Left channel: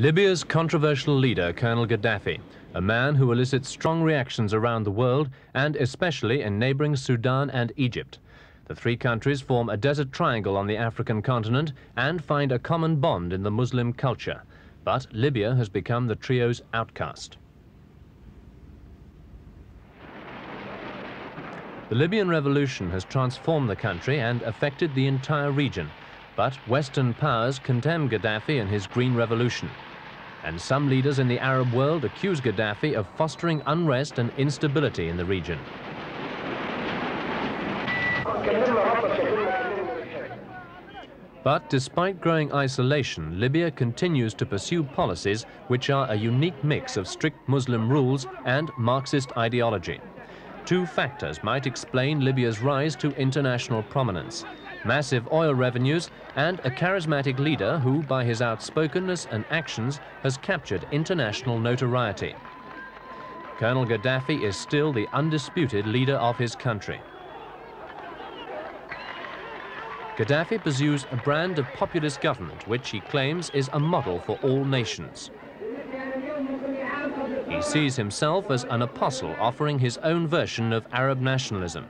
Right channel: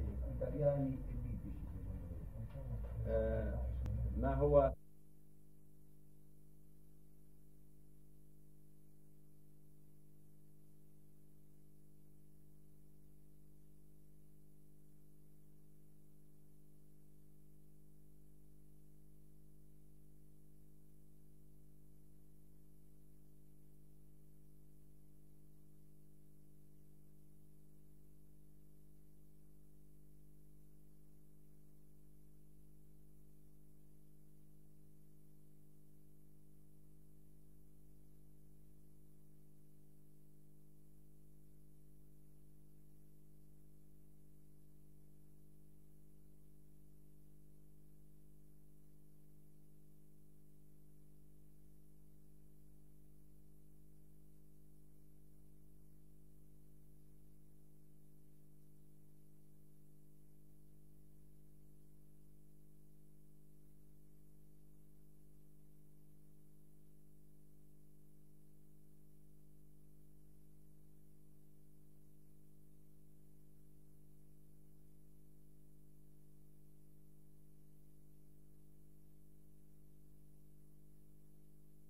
Libya's controversial leader, Colonel Gaddafi, a man who elicits strong reactions around the world and especially in neighboring Sudan and Egypt. The three countries form a desert triangle on the African continent and find a common bond in the Muslim culture. But Libya has become the trio's outcast. The Libyan revolution has transformed the country and affected the entire region. But Western powers condemn Gaddafi and his Green Revolution. And some leaders in the Arab world accuse Gaddafi of fostering unrest and instability in the region. But despite growing isolation, Libya continues to pursue policies which are a unique mix of strict Muslim rules and Marxist ideology. Two factors might explain Libya's rise to international prominence: massive oil revenues and a charismatic leader who, by his outspokenness and actions, has captured international notoriety. Colonel Gaddafi is still the undisputed leader of his country. Gaddafi pursues a brand of populist government which he claims is a model for all nations. He sees himself as an apostle offering his own version of Arab nationalism.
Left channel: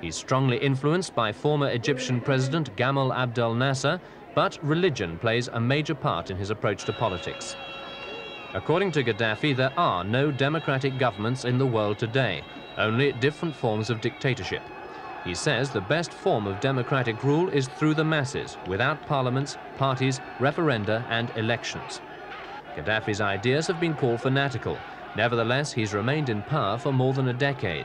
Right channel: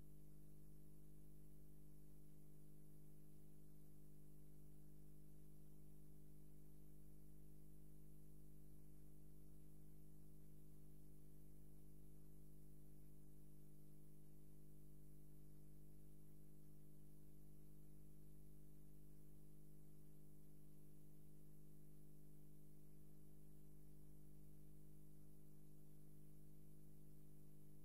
He's strongly influenced by former Egyptian President Gamal Abdel Nasser, but religion plays a major part in his approach to politics. According to Gaddafi, there are no democratic governments in the world today, only different forms of dictatorship. He says the best form of democratic rule is through the masses, without parliaments, parties, referenda and elections. Gaddafi's ideas have been called fanatical. Nevertheless, he's remained in power for more than a decade.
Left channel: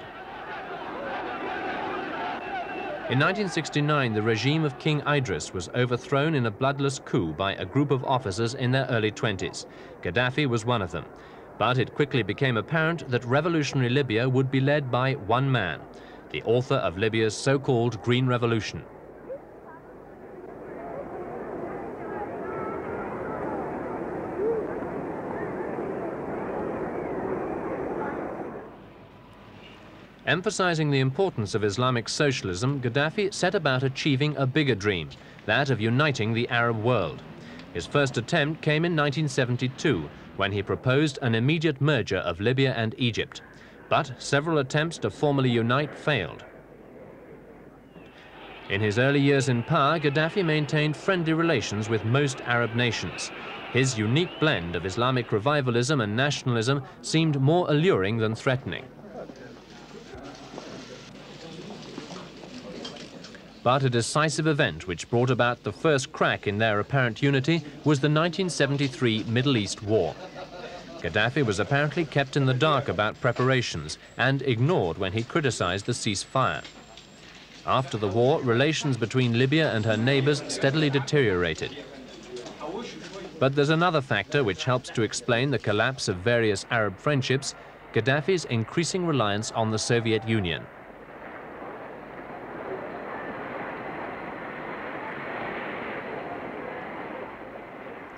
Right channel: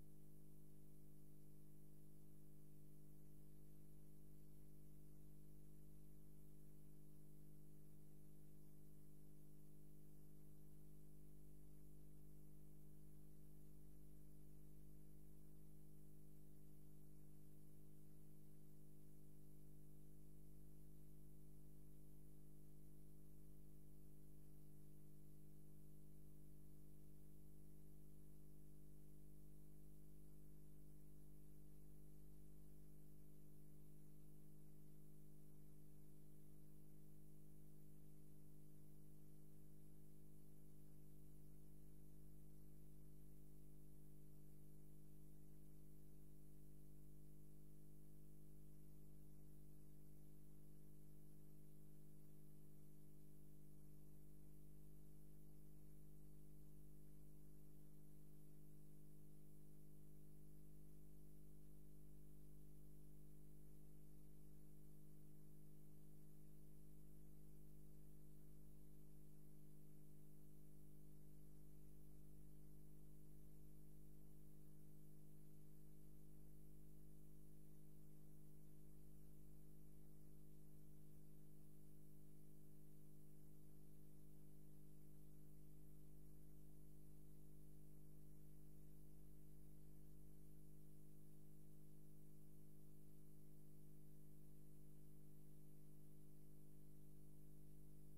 In 1969, the regime of King Idris was overthrown in a bloodless coup by a group of officers in their early 20s. Gaddafi was one of them. But it quickly became apparent that revolutionary Libya would be led by one man, the author of Libya's so-called Green Revolution. Emphasizing the importance of Islamic socialism, Gaddafi set about achieving a bigger dream, that of uniting the Arab world. His first attempt came in 1972, when he proposed an immediate merger of Libya and Egypt. But several attempts to formally unite failed. In his early years in power, Gaddafi maintained friendly relations with most Arab nations. His unique blend of Islamic revivalism and nationalism seemed more alluring than threatening. But a decisive event which brought about the first crack in their apparent unity was the 1973 Middle East War. Gaddafi was apparently kept in the dark about preparations and ignored when he criticized the ceasefire. After the war, relations between Libya and her neighbors steadily deteriorated. But there's another factor which helps to explain the collapse of various Arab friendships: Gaddafi's increasing reliance on the Soviet Union.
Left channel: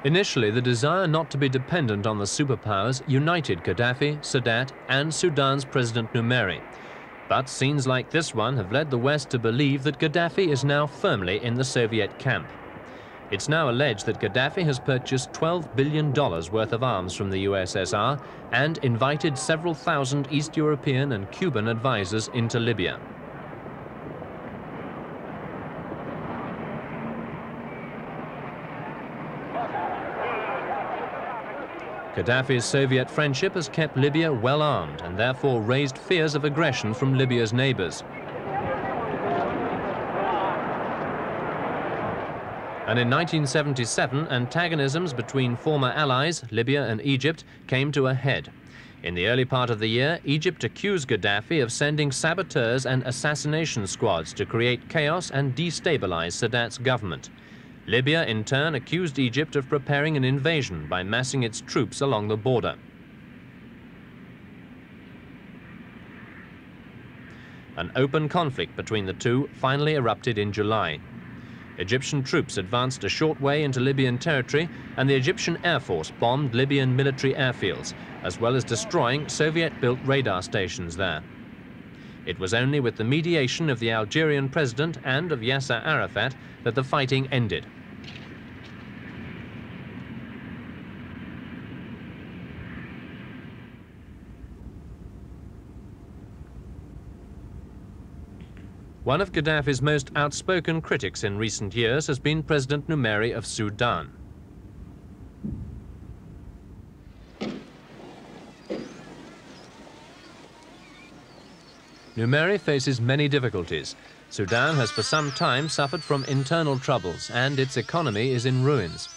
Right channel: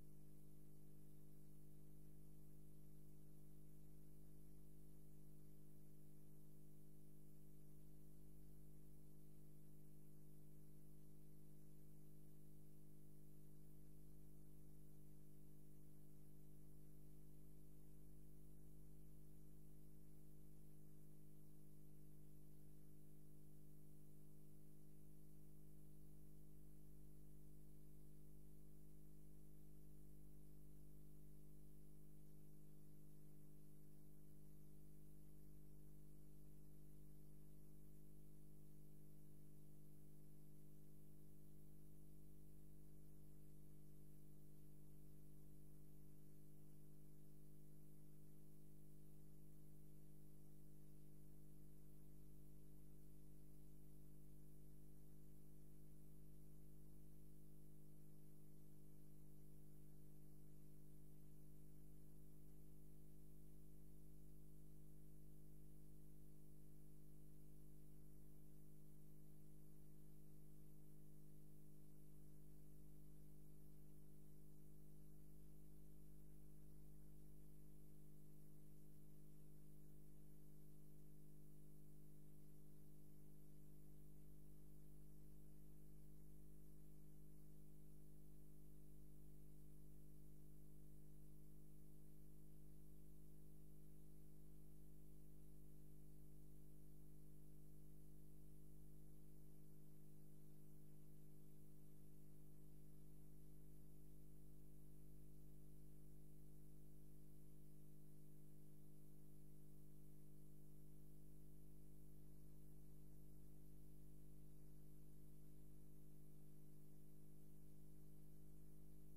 Initially, the desire not to be dependent on the superpowers united Gaddafi, Sadat, and Sudan's President Numeri. But scenes like this one have led the West to believe that Gaddafi is now firmly in the Soviet camp. It's now alleged that Gaddafi has purchased $12 billion worth of arms from the USSR and invited several thousand East European and Cuban advisors into Libya. Gaddafi's Soviet friendship has kept Libya well armed and therefore raised fears of aggression from Libya's neighbors. And in 1977, antagonisms between former allies, Libya and Egypt, came to a head. In the early part of the year, Egypt accused Gaddafi of sending saboteurs and assassination squads to create chaos and destabilize Sadat's government. Libya, in turn, accused Egypt of preparing an invasion by massing its troops along the border. An open conflict between the two finally erupted in July. Egyptian troops advanced a short way into Libyan territory, and the Egyptian Air Force bombed Libyan military airfields, as well as destroying Soviet-built radar stations there. It was only with the mediation of the Algerian president and of Yasser Arafat that the fighting ended. One of Gaddafi's most outspoken critics in recent years has been President Numeri of Sudan. Numeri faces many difficulties. Sudan has for some time suffered from internal troubles and its economy is in ruins.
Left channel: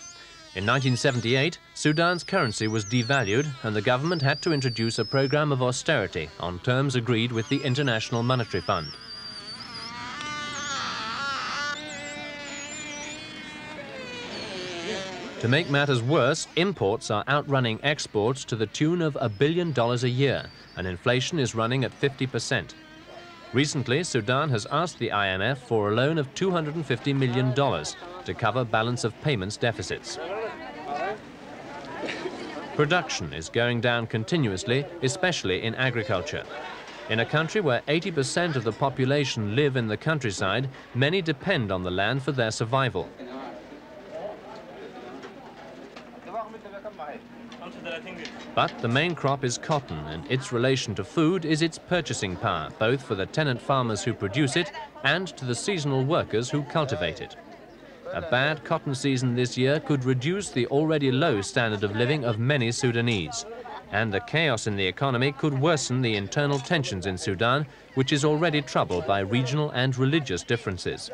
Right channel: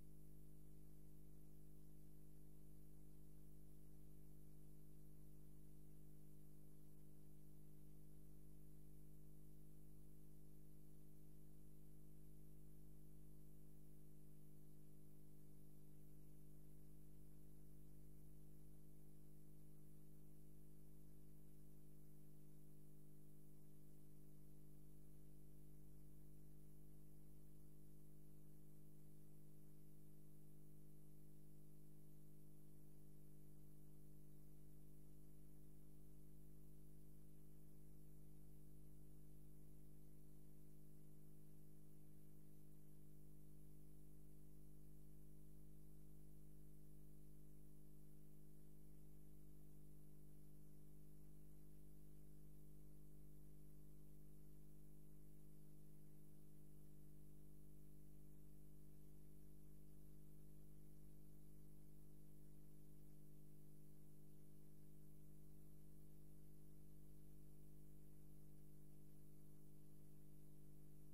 In 1978, Sudan's currency was devalued and the government had to introduce a program of austerity on terms agreed with the International Monetary Fund. To make matters worse, imports are outrunning exports to the tune of $1 billion a year, and inflation is running at 50%. Recently, Sudan has asked the IMF for a loan of $250 million to cover balance of payments deficits. Production is going down continuously, especially in agriculture. In a country where 80% of the population live in the countryside, many depend on the land for their survival. But the main crop is cotton, and its relation to food is its purchasing power, both for the tenant farmers who produce it and to the seasonal workers who cultivate it. A bad cotton season this year could reduce the already low standard of living of many Sudanese. And the chaos in the economy could worsen the internal tensions in Sudan, which is already troubled by regional and religious differences.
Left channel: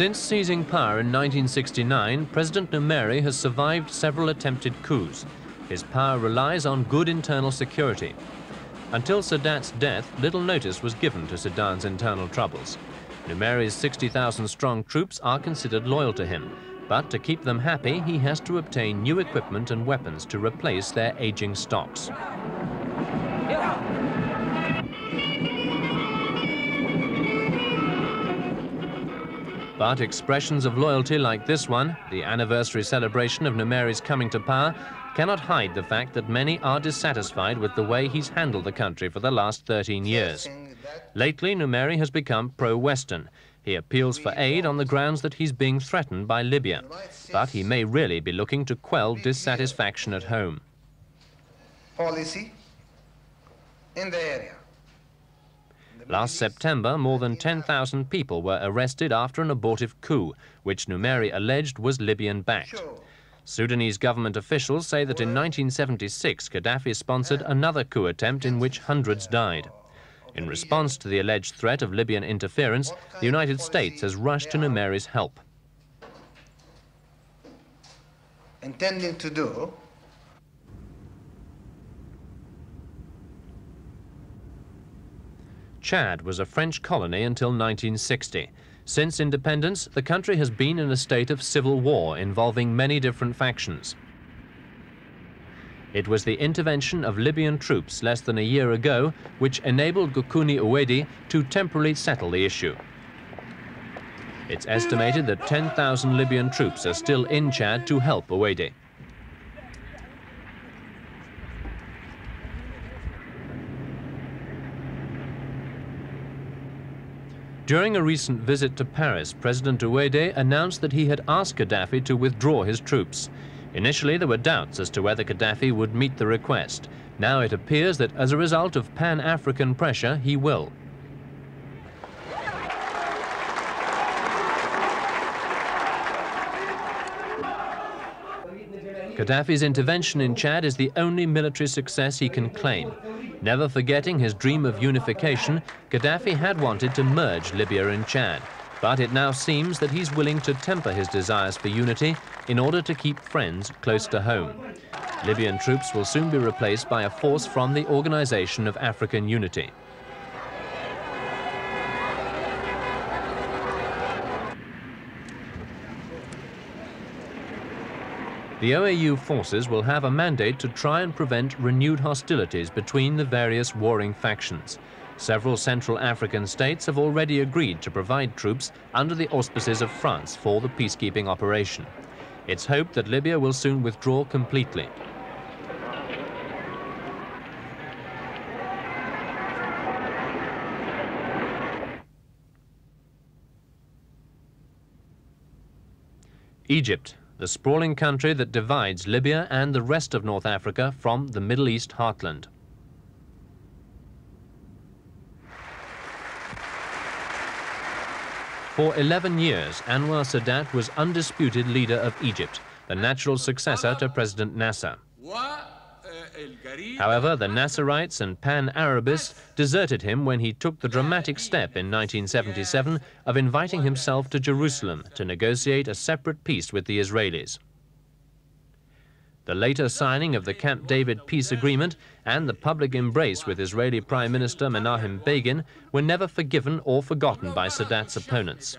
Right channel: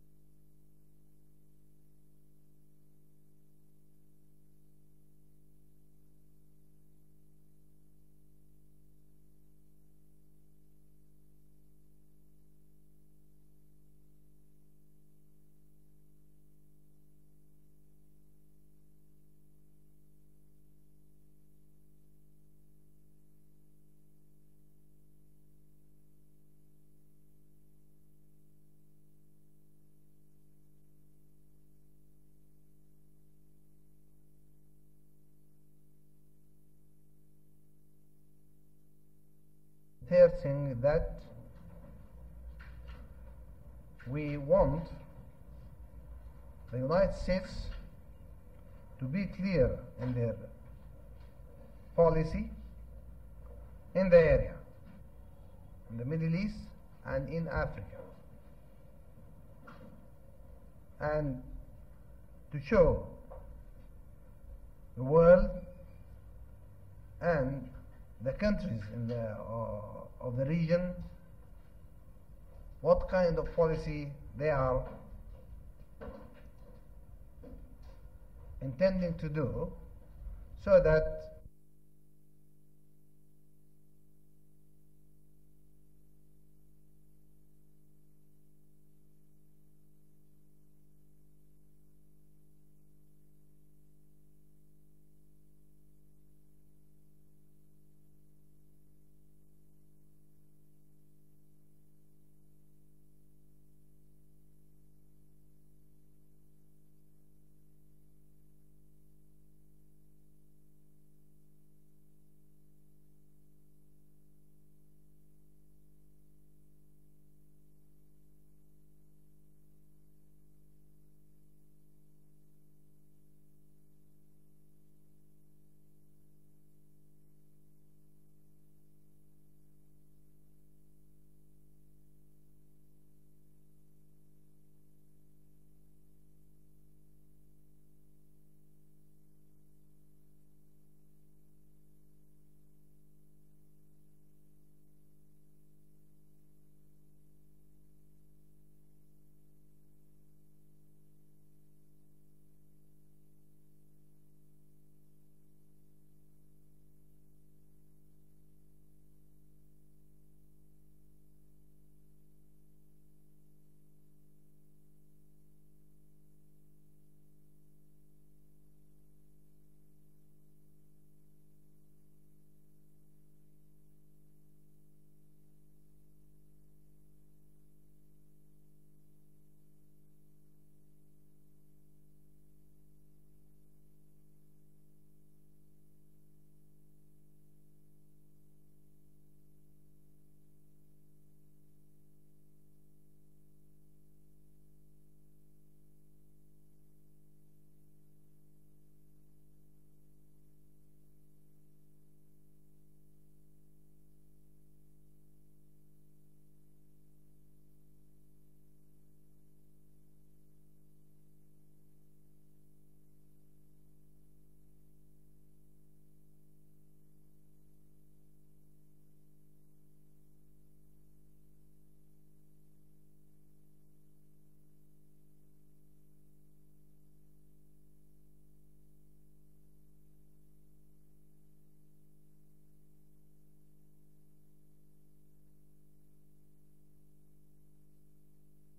Since seizing power in 1969, President Numeri has survived several attempted coups. His power relies on good internal security. Until Sadat's death, little notice was given to Sudan's internal troubles. Numeri's 60,000-strong troops are considered loyal to him, but to keep them happy, he has to obtain new equipment and weapons to replace their aging stocks. But expressions of loyalty like this one, the anniversary celebration of Numeri's coming to power, cannot hide the fact that many are dissatisfied with the way he's handled the country for the last 13 years. Lately, Numeri has become pro-Western. He appeals for aid on the grounds that he's being threatened by Libya. But he may really be looking to quell dissatisfaction at home. Policy in the area. Last September, more than 10,000 people were arrested after an abortive coup, which Numeri alleged was Libyan-backed. Sudanese government officials say that in 1976, Gaddafi sponsored another coup attempt in which hundreds died. In response to the alleged threat of Libyan interference, the United States has rushed to Numeri's help. Intending to do so that Chad was a French colony until 1960. Since independence, the country has been in a state of civil war involving many different factions. It was the intervention of Libyan troops less than a year ago which enabled Gukuni Uwedi to temporarily settle the issue. It's estimated that 10,000 Libyan troops are still in Chad to help Uwedi. During a recent visit to Paris, President Uwedi announced that he had asked Gaddafi to withdraw his troops. Initially, there were doubts as to whether Gaddafi would meet the request. Now it appears that as a result of Pan-African pressure, he will. Gaddafi's intervention in Chad is the only military success he can claim. Never forgetting his dream of unification, Gaddafi had wanted to merge Libya and Chad, but it now seems that he's willing to temper his desires for unity in order to keep friends close to home. Libyan troops will soon be replaced by a force from the Organization of African Unity. The OAU forces will have a mandate to try and prevent renewed hostilities between the various warring factions. Several Central African states have already agreed to provide troops under the auspices of France for the peacekeeping operation. It's hoped that Libya will soon withdraw completely. Egypt, the sprawling country that divides Libya and the rest of North Africa from the Middle East heartland. For 11 years, Anwar Sadat was undisputed leader of Egypt, the natural successor to President Nasser. However, the Nasserites and Pan-Arabists deserted him when he took the dramatic step in 1977 of inviting himself to Jerusalem to negotiate a separate peace with the Israelis. The later signing of the Camp David peace agreement and the public embrace with Israeli Prime Minister Menachem Begin were never forgiven or forgotten by Sadat's opponents.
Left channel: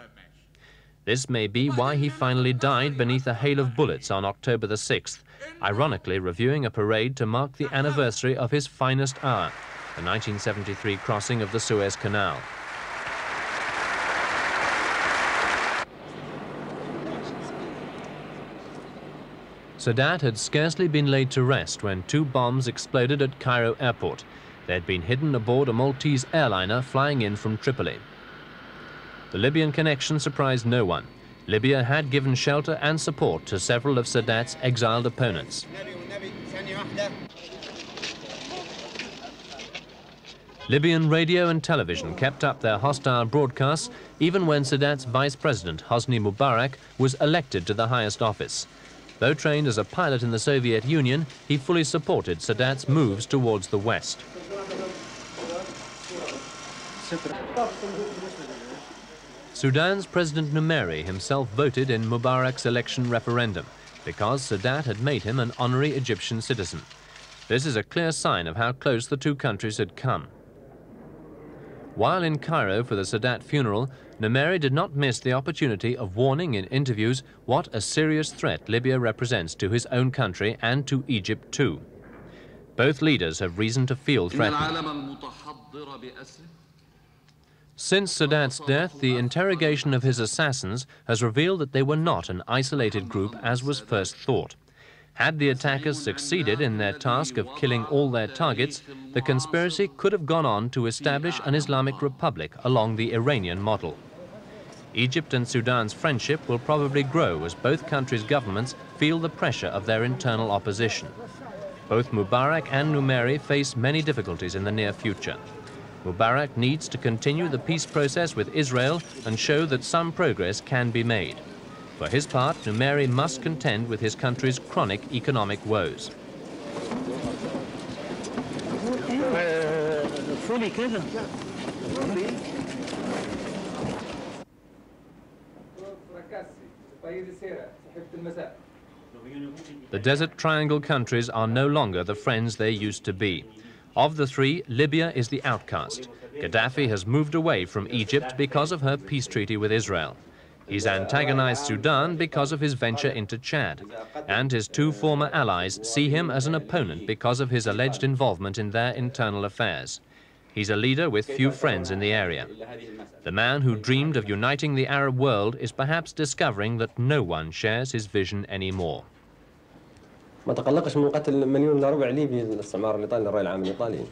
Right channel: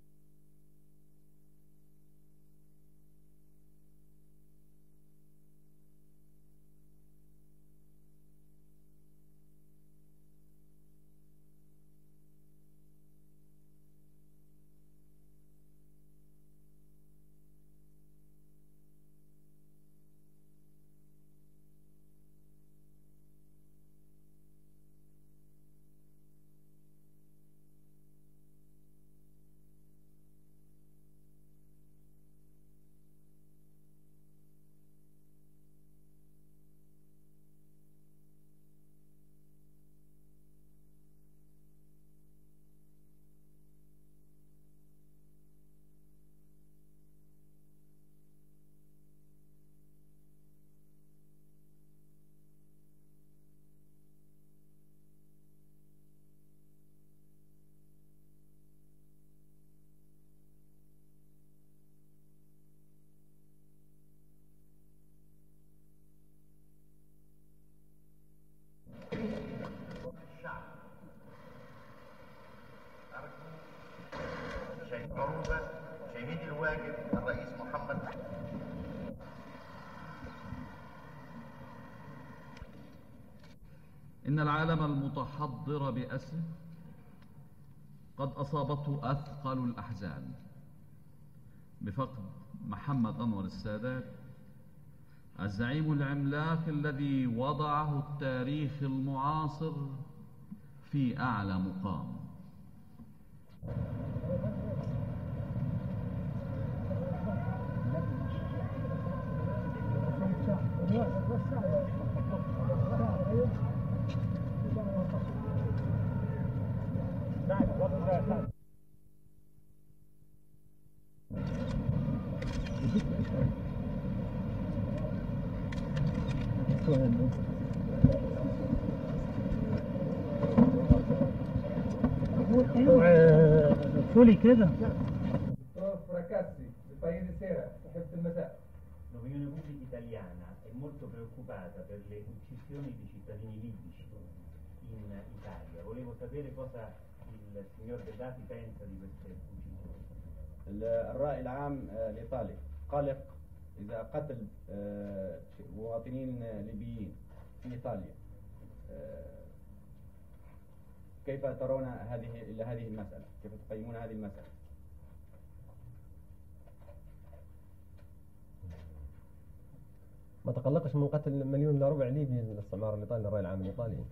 This may be why he finally died beneath a hail of bullets on October the 6th, ironically reviewing a parade to mark the anniversary of his finest hour, the 1973 crossing of the Suez Canal. Sadat had scarcely been laid to rest when 2 bombs exploded at Cairo airport. They had been hidden aboard a Maltese airliner flying in from Tripoli. The Libyan connection surprised no one. Libya had given shelter and support to several of Sadat's exiled opponents. Libyan radio and television kept up their hostile broadcasts even when Sadat's vice president, Hosni Mubarak, was elected to the highest office. Though trained as a pilot in the Soviet Union, he fully supported Sadat's moves towards the West. Sudan's President Numeri himself voted in Mubarak's election referendum because Sadat had made him an honorary Egyptian citizen. This is a clear sign of how close the 2 countries had come. While in Cairo for the Sadat funeral, Numeri did not miss the opportunity of warning in interviews what a serious threat Libya represents to his own country and to Egypt too. Both leaders have reason to feel threatened. Since Sadat's death, the interrogation of his assassins has revealed that they were not an isolated group as was first thought. Had the attackers succeeded in their task of killing all their targets, the conspiracy could have gone on to establish an Islamic republic along the Iranian model. Egypt and Sudan's friendship will probably grow as both countries' governments feel the pressure of their internal opposition. Both Mubarak and Numeri face many difficulties in the near future. Mubarak needs to continue the peace process with Israel and show that some progress can be made. For his part, Numeri must contend with his country's chronic economic woes. The Desert Triangle countries are no longer the friends they used to be. Of the 3, Libya is the outcast. Gaddafi has moved away from Egypt because of her peace treaty with Israel. He's antagonized Sudan because of his venture into Chad, and his 2 former allies see him as an opponent because of his alleged involvement in their internal affairs. He's a leader with few friends in the area. The man who dreamed of uniting the Arab world is perhaps discovering that no one shares his vision anymore. ما تقلقش من قتل 1.25 مليون ليبي الاستعمار الإيطالي الرأي العام الإيطالي.